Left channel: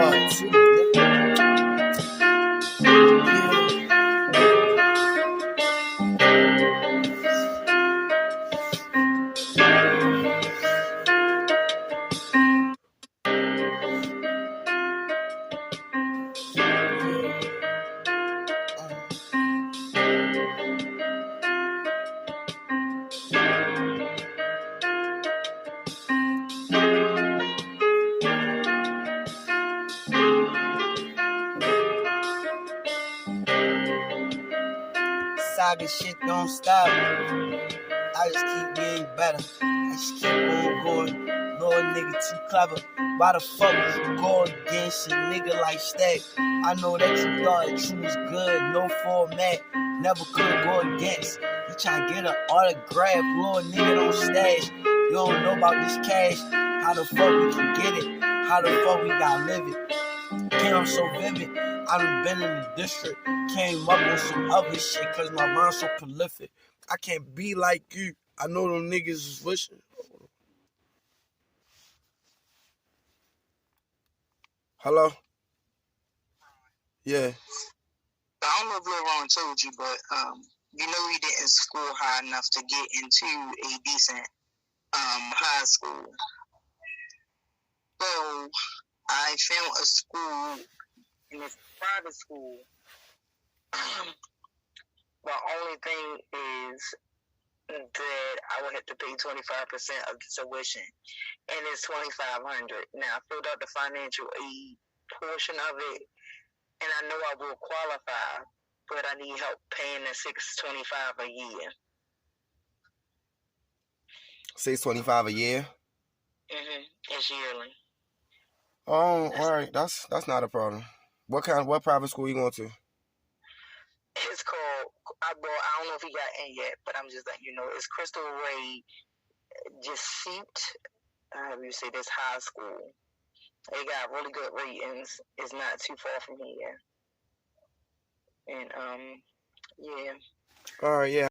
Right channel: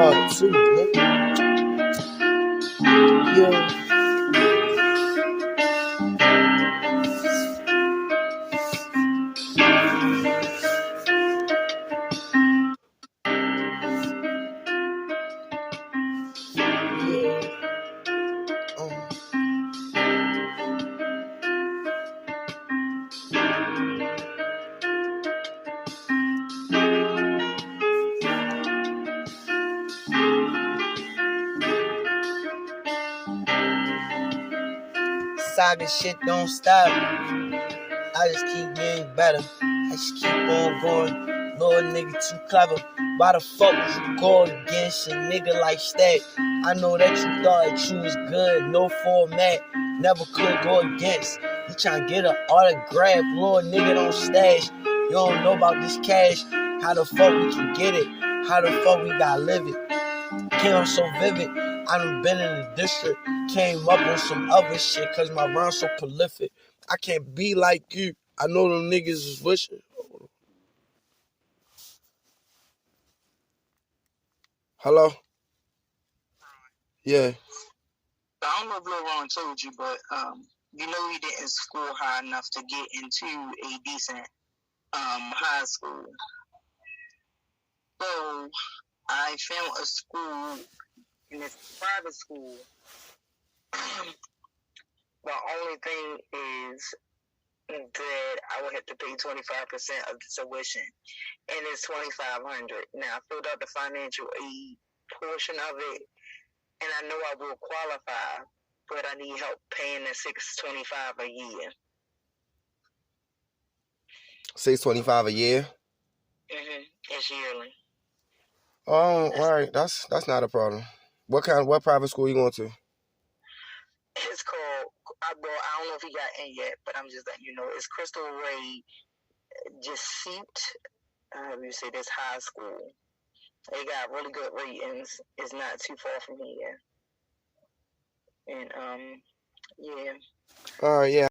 Part two, nigga. Yeah. Saga shit don't stop. I just keep getting better. I just keep on going. Lord, nigga, too clever. Why the fuck would you go against a nigga like Stack? I know that you thought that you was good, no format. Never could go against. You tryna get an autograph, Lord, nigga, don't stash. You don't know about this cash. How the fuck we can get it? How the fuck we gotta live it? Came up so vivid. I done been in the district. Came up on some other shit cause my rhyme's so prolific. I can't be like you. I know them niggas is wishing. Hello? Yeah. I don't know if Lil Ron told you, but you know he didn't score high enough to get into a decent high school. So I found a school, and it's a private school. The only thing is that I would have to pay 25% of the tuition, and it's $2,500. Now I filled out the financial aid portion of it, and I know I will qualify, but I need help paying the $625 a year. $625 a year? It's yearly. Oh, all right. That's not a problem. What private school you going to? It's called, I don't know if he got in yet, but I'm just letting you know, it's Crystal Ray Jesuit. How you say this high school? They got really good ratings. It's not too far from here. And yeah. All right, yeah.